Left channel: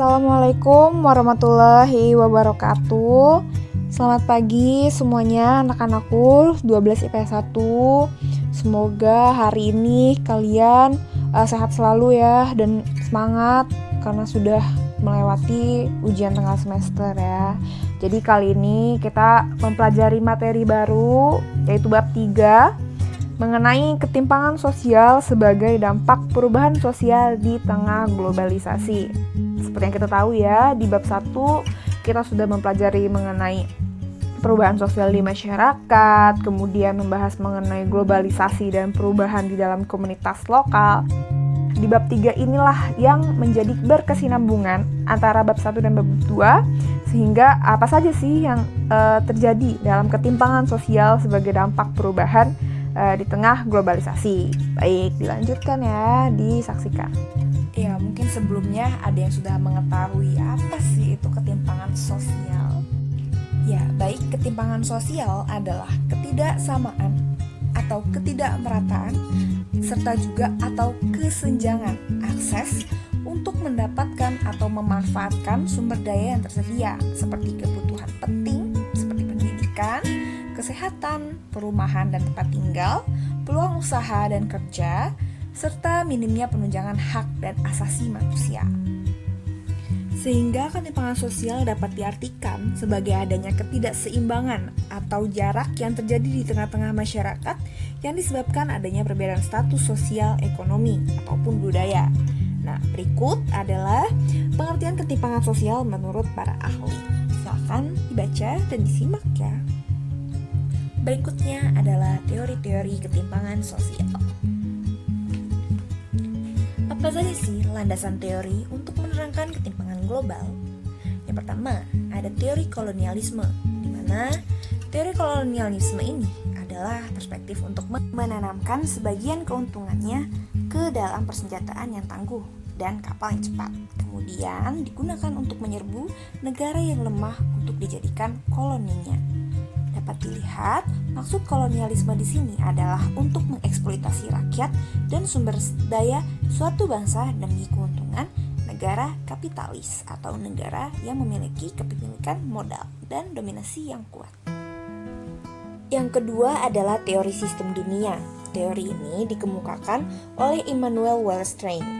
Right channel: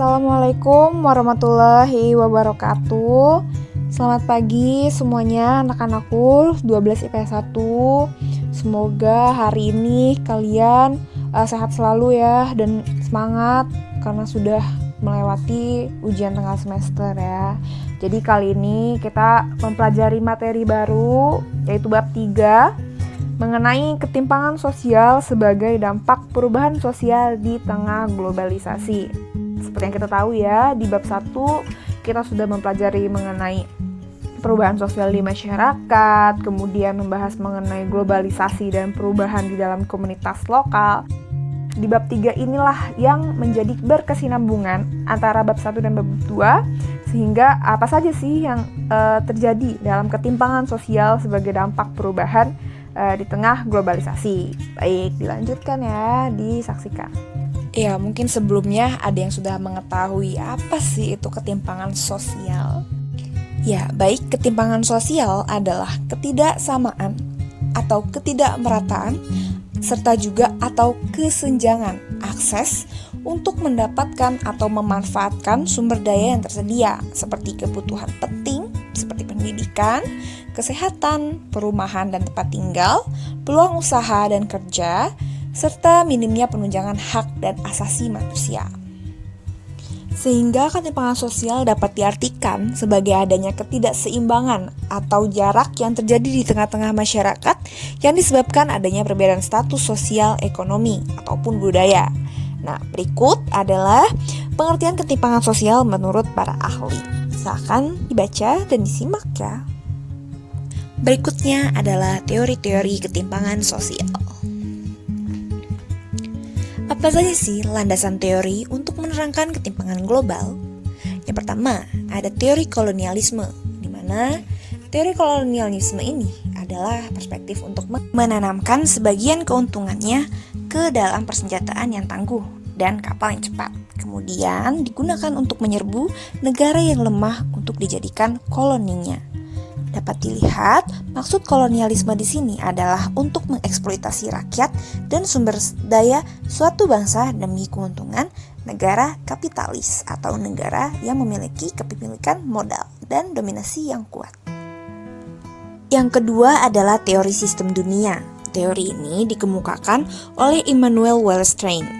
Assalamualaikum warahmatullahi wabarakatuh. Selamat pagi semuanya anak-anakku 12 IPS 1. Semoga hari ini kalian sehat selalu ya dan semangat karena sudah melewati ujian tengah semester ya. Jadi kali ini kita mempelajari materi baru yaitu bab 3 mengenai ketimpangan sosial sebagai dampak perubahan sosial di tengah globalisasi. Seperti yang kita tahu ya, di bab 1 kita sudah mempelajari mengenai perubahan sosial di masyarakat, kemudian membahas mengenai globalisasi dan perubahan di dalam komunitas lokal. Di bab 3 inilah yang menjadi berkesinambungan antara bab 1 dan bab 2, sehingga apa saja sih yang terjadi dalam ketimpangan sosial sebagai dampak perubahan di tengah globalisasi. Baik, dilanjutkan ya, disaksikan. Ya, mungkin sebelumnya ada yang sudah mengetahui apa sih itu ketimpangan sosial. Ya, baik, ketimpangan sosial adalah ketidaksamaan atau ketidakmerataan serta juga atau kesenjangan akses untuk mendapatkan atau memanfaatkan sumber daya yang tersedia seperti kebutuhan penting seperti pendidikan, kesehatan, perumahan dan tempat tinggal, peluang usaha dan kerja, serta minimnya penunjangan hak dan asasi manusia. Sehingga ketimpangan sosial dapat diartikan sebagai adanya ketidakseimbangan atau jarak yang terjadi di tengah-tengah masyarakat yang disebabkan adanya perbedaan status sosial, ekonomi, ataupun budaya. Nah, berikut adalah pengertian ketimpangan sosial menurut para ahli. Silakan dibaca dan disimak ya. Berikutnya adalah teori-teori ketimpangan sosial. Apa saja sih landasan teori untuk menerangkan ketimpangan global? Yang pertama, ada teori kolonialisme, di mana teori kolonialisme ini adalah perspektif untuk menanamkan sebagian keuntungannya ke dalam persenjataan yang tangguh dan kapal yang cepat. Kemudian digunakan untuk menyerbu negara yang lemah untuk dijadikan koloninya. Dapat dilihat, maksud kolonialisme di sini adalah untuk mengeksploitasi rakyat dan sumber daya suatu bangsa demi keuntungan negara kapitalis atau negara yang memiliki kepemilikan modal dan dominasi yang kuat. Yang kedua adalah teori sistem dunia. Teori ini dikemukakan oleh Immanuel Wallerstein.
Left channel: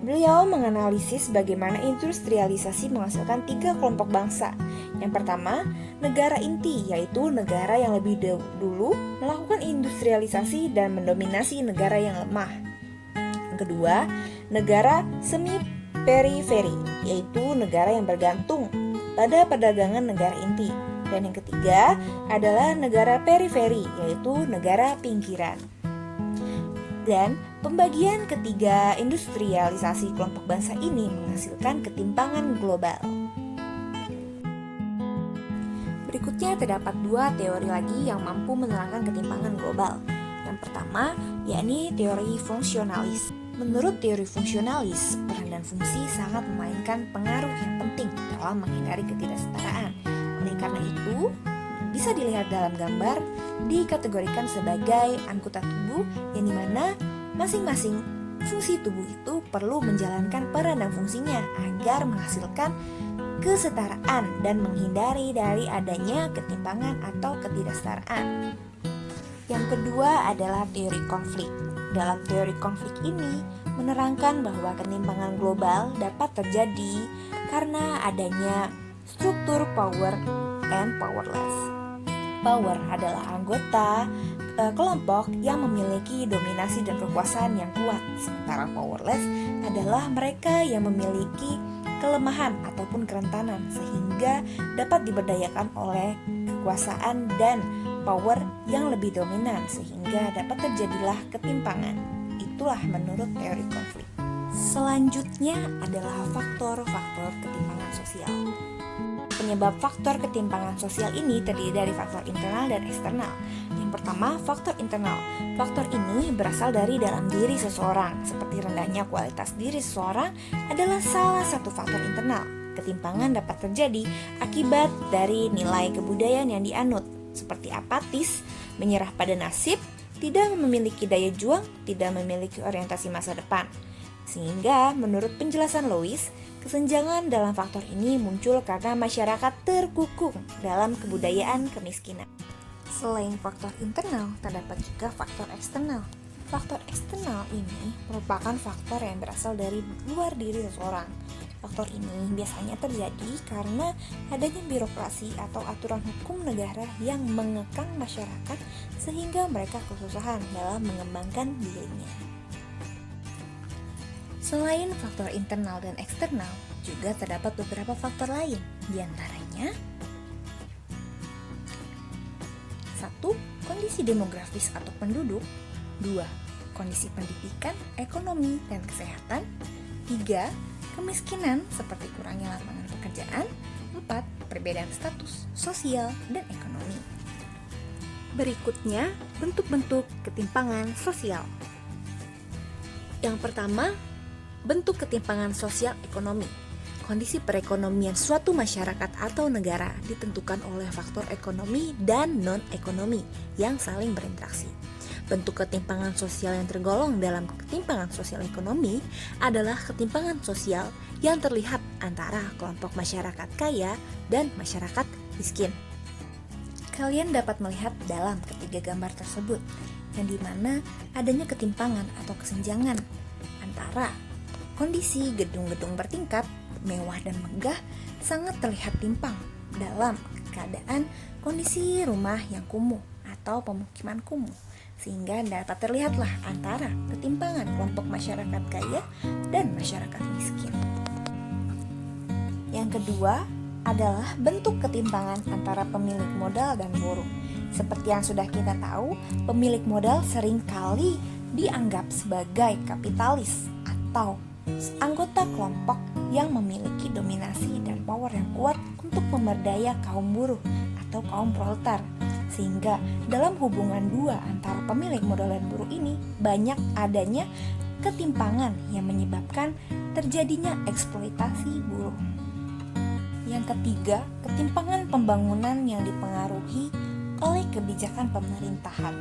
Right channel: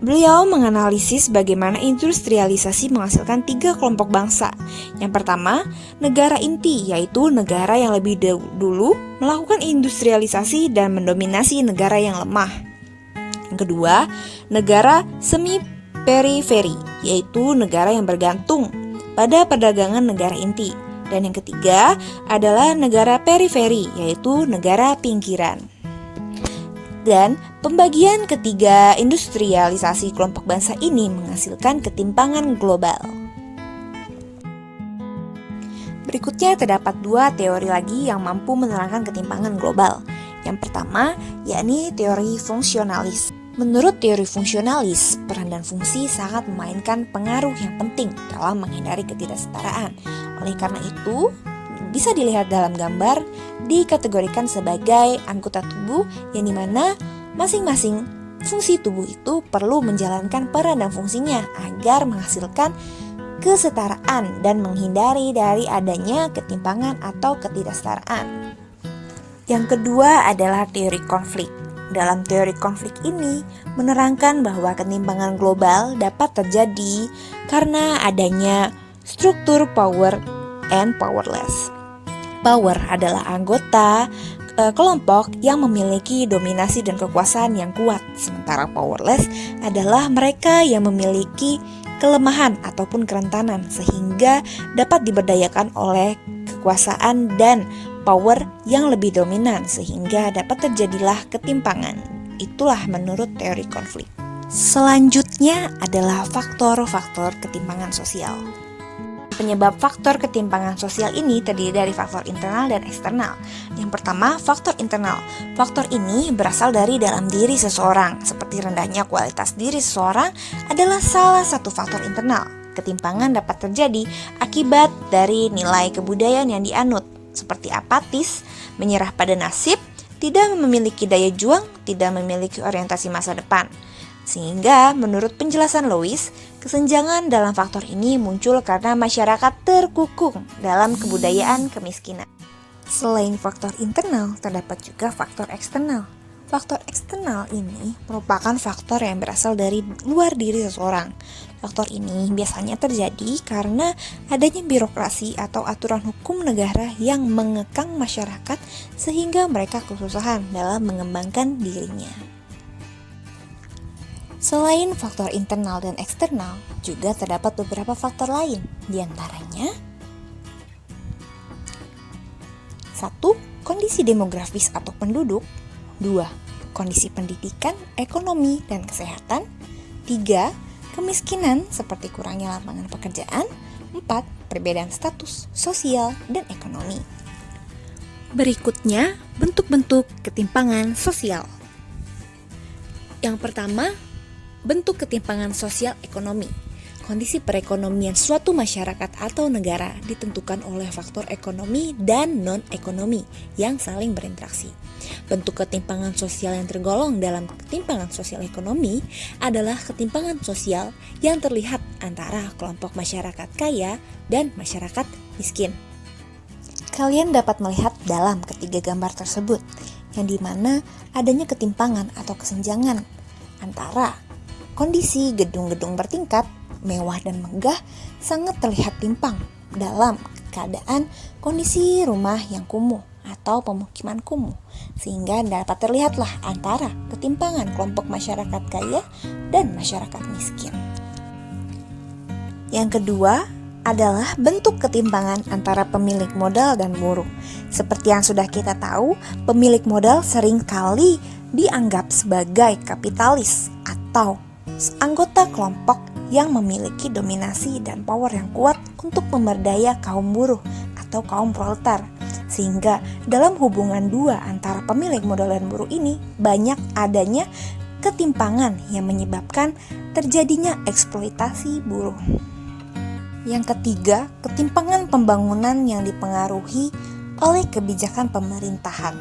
Beliau menganalisis bagaimana industrialisasi menghasilkan 3 kelompok bangsa. Yang pertama, negara inti, yaitu negara yang lebih dulu melakukan industrialisasi dan mendominasi negara yang lemah. Yang kedua, negara semi-periferi, yaitu negara yang bergantung pada perdagangan negara inti. Dan yang ketiga adalah negara periferi, yaitu negara pinggiran. Dan pembagian ketiga industrialisasi kelompok bangsa ini menghasilkan ketimpangan global. Berikutnya terdapat 2 teori lagi yang mampu menerangkan ketimpangan global. Yang pertama, yakni teori fungsionalis. Menurut teori fungsionalis, peran dan fungsi sangat memainkan pengaruh yang penting dalam menghindari ketidaksetaraan. Oleh karena itu, bisa dilihat dalam gambar dikategorikan sebagai anggota tubuh yang dimana masing-masing fungsi tubuh itu perlu menjalankan peran dan fungsinya agar menghasilkan kesetaraan dan menghindari dari adanya ketimpangan atau ketidaksetaraan. Yang kedua adalah teori konflik. Dalam teori konflik ini menerangkan bahwa ketimpangan global dapat terjadi karena adanya struktur power and powerless. Power adalah anggota kelompok yang memiliki dominasi dan kekuasaan yang kuat, sementara powerless adalah mereka yang memiliki kelemahan ataupun kerentanan sehingga dapat diberdayakan oleh kekuasaan dan power yang lebih dominan sehingga dapat terjadilah ketimpangan. Itulah menurut teori konflik. Selanjutnya adalah faktor-faktor ketimpangan sosial. Penyebab faktor ketimpangan sosial ini terdiri dari faktor internal dan eksternal. Yang pertama, faktor internal. Faktor ini berasal dari dalam diri seseorang, seperti rendahnya kualitas diri seseorang adalah salah satu faktor internal. Ketimpangan dapat terjadi akibat dari nilai kebudayaan yang dianut, seperti apatis, menyerah pada nasib, tidak memiliki daya juang, tidak memiliki orientasi masa depan. Sehingga menurut penjelasan Lewis, Kesenjangan dalam faktor ini muncul karena masyarakat terkukung dalam kebudayaan kemiskinan. Selain faktor internal, terdapat juga faktor eksternal. Faktor eksternal ini merupakan faktor yang berasal dari luar diri seseorang. Faktor ini biasanya terjadi karena adanya birokrasi atau aturan hukum negara yang mengekang masyarakat sehingga mereka kesusahan dalam mengembangkan dirinya. Selain faktor internal dan eksternal, juga terdapat beberapa faktor lain, diantaranya 1. Kondisi demografis atau penduduk. 2. Kondisi pendidikan, ekonomi, dan kesehatan. 3. Kemiskinan seperti kurangnya lapangan pekerjaan. 4. Perbedaan status, sosial, dan ekonomi. Berikutnya, bentuk-bentuk ketimpangan sosial. Yang pertama, bentuk ketimpangan sosial ekonomi. Kondisi perekonomian suatu masyarakat atau negara ditentukan oleh faktor ekonomi dan non-ekonomi yang saling berinteraksi. Bentuk ketimpangan sosial yang tergolong dalam ketimpangan sosial ekonomi adalah ketimpangan sosial yang terlihat antara kelompok masyarakat kaya dan masyarakat miskin. Kalian dapat melihat dalam ketiga gambar tersebut, yang dimana adanya ketimpangan atau kesenjangan antara kondisi gedung-gedung bertingkat, mewah dan megah sangat terlihat timpang dalam keadaan kondisi rumah yang kumuh atau pemukiman kumuh, sehingga dapat terlihatlah antara ketimpangan kelompok masyarakat kaya dan masyarakat miskin. Yang kedua adalah bentuk ketimpangan antara pemilik modal dan buruh. Seperti yang sudah kita tahu, pemilik modal seringkali dianggap sebagai kapitalis atau anggota kelompok yang memiliki dominasi dan power yang kuat untuk memerdaya kaum buruh atau kaum proletar. Sehingga dalam hubungan dua antara pemilik modal dan buruh ini banyak adanya ketimpangan yang menyebabkan terjadinya eksploitasi buruh. Yang ketiga, ketimpangan pembangunan yang dipengaruhi oleh kebijakan pemerintahan.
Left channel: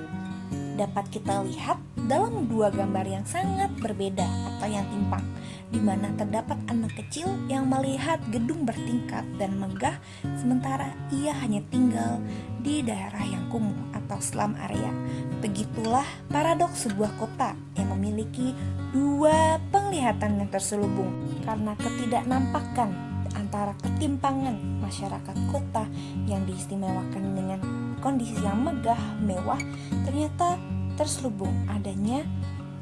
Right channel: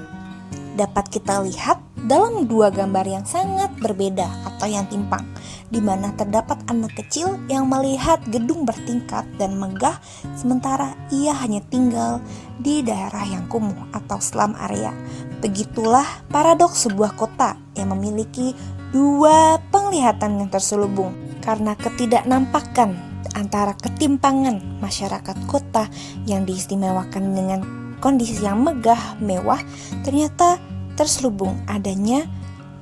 Dapat kita lihat dalam dua gambar yang sangat berbeda atau yang timpang, di mana terdapat anak kecil yang melihat gedung bertingkat dan megah, sementara ia hanya tinggal di daerah yang kumuh atau slum area. Begitulah paradoks sebuah kota yang memiliki dua penglihatan yang terselubung karena ketidaknampakan antara ketimpangan masyarakat kota yang diistimewakan dengan kondisi yang megah, mewah, ternyata terselubung adanya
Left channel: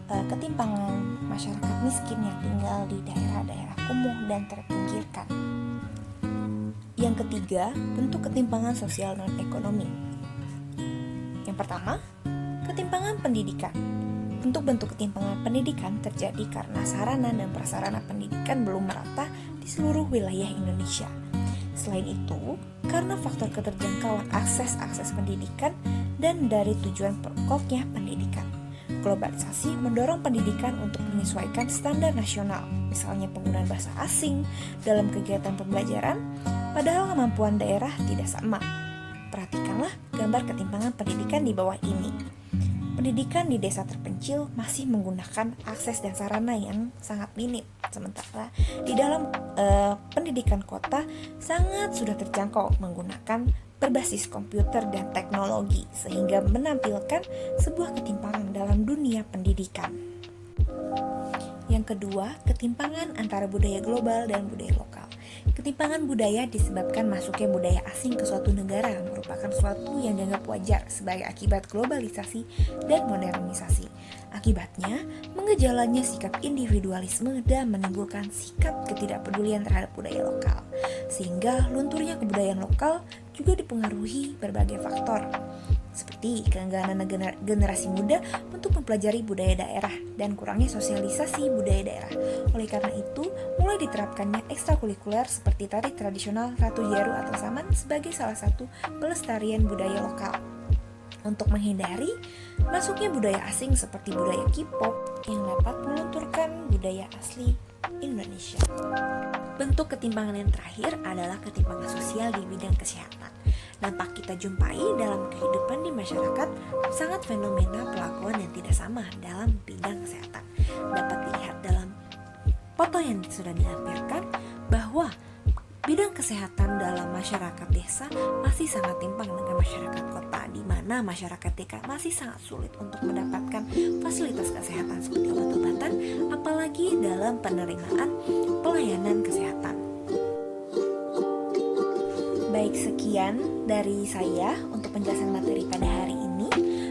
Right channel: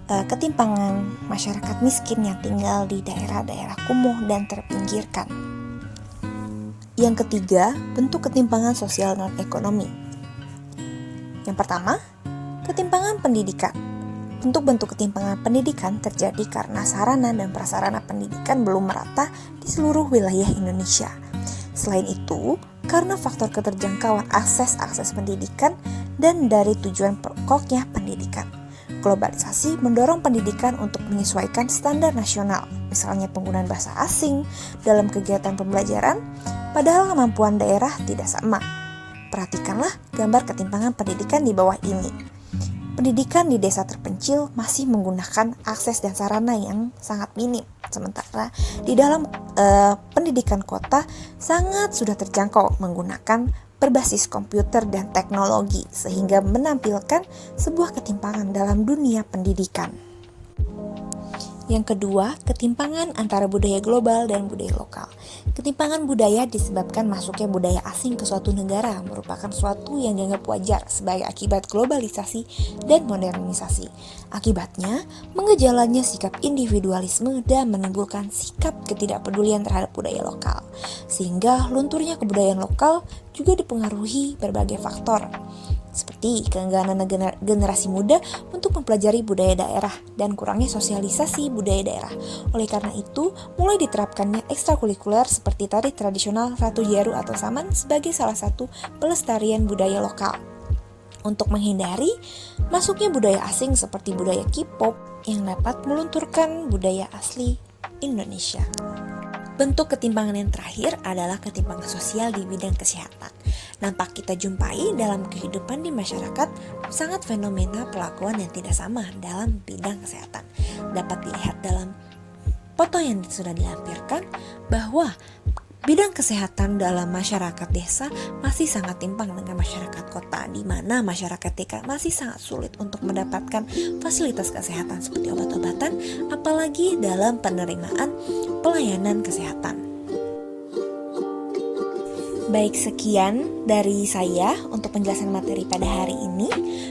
ketimpangan masyarakat miskin yang tinggal di daerah-daerah kumuh dan terpinggirkan. Yang ketiga, bentuk ketimpangan sosial non-ekonomi. Yang pertama, ketimpangan pendidikan. Bentuk-bentuk ketimpangan pendidikan terjadi karena sarana dan prasarana pendidikan belum merata di seluruh wilayah Indonesia. Selain itu, karena faktor keterjangkauan akses pendidikan dan dari tujuan pokoknya pendidikan. Globalisasi mendorong pendidikan untuk menyesuaikan standar nasional, misalnya penggunaan bahasa asing dalam kegiatan pembelajaran, padahal kemampuan daerah tidak sama. Perhatikanlah gambar ketimpangan pendidikan di bawah ini. Pendidikan di desa terpencil masih menggunakan akses dan sarana yang sangat minim, sementara di dalam pendidikan kota sangat sudah terjangkau menggunakan berbasis komputer dan teknologi, sehingga menampilkan sebuah ketimpangan dalam dunia pendidikan. Yang kedua, ketimpangan antara budaya global dan budaya lokal. Ketimpangan budaya disebabkan masuknya budaya asing ke suatu negara merupakan suatu yang dianggap wajar sebagai akibat globalisasi dan modernisasi. Akibatnya, mengejalannya sikap individualisme dan menimbulkan sikap ketidakpedulian terhadap budaya lokal. Sehingga lunturnya kebudayaan lokal juga dipengaruhi berbagai faktor, seperti keengganan generasi muda untuk mempelajari budaya daerah dan kurangnya sosialisasi budaya daerah. Oleh karena itu, mulai diterapkannya ekstrakurikuler seperti tari tradisional Ratu Jaru atau Saman sebagai salah satu pelestarian budaya lokal. Untuk menghindari masuknya budaya asing seperti budaya K-pop yang dapat melunturkan budaya asli Indonesia. Bentuk ketimpangan yang terakhir adalah ketimpangan sosial di bidang kesehatan. Nampak kita jumpai dalam kehidupan di masyarakat sangat fenomena perlakuan yang tidak sama dalam bidang kesehatan. Dapat dilihat dalam foto yang sudah dilampirkan bahwa bidang kesehatan dalam masyarakat desa masih sangat timpang dengan masyarakat kota, di mana masyarakat desa masih sangat sulit untuk mendapatkan fasilitas kesehatan seperti obat-obatan, apalagi dalam penerimaan pelayanan kesehatan. Baik, sekian dari saya untuk penjelasan materi pada hari ini.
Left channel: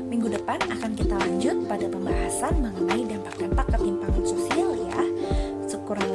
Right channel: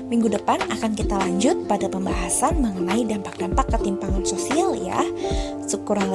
Minggu depan akan kita lanjut pada pembahasan mengenai dampak-dampak ketimpangan sosial ya. Kurang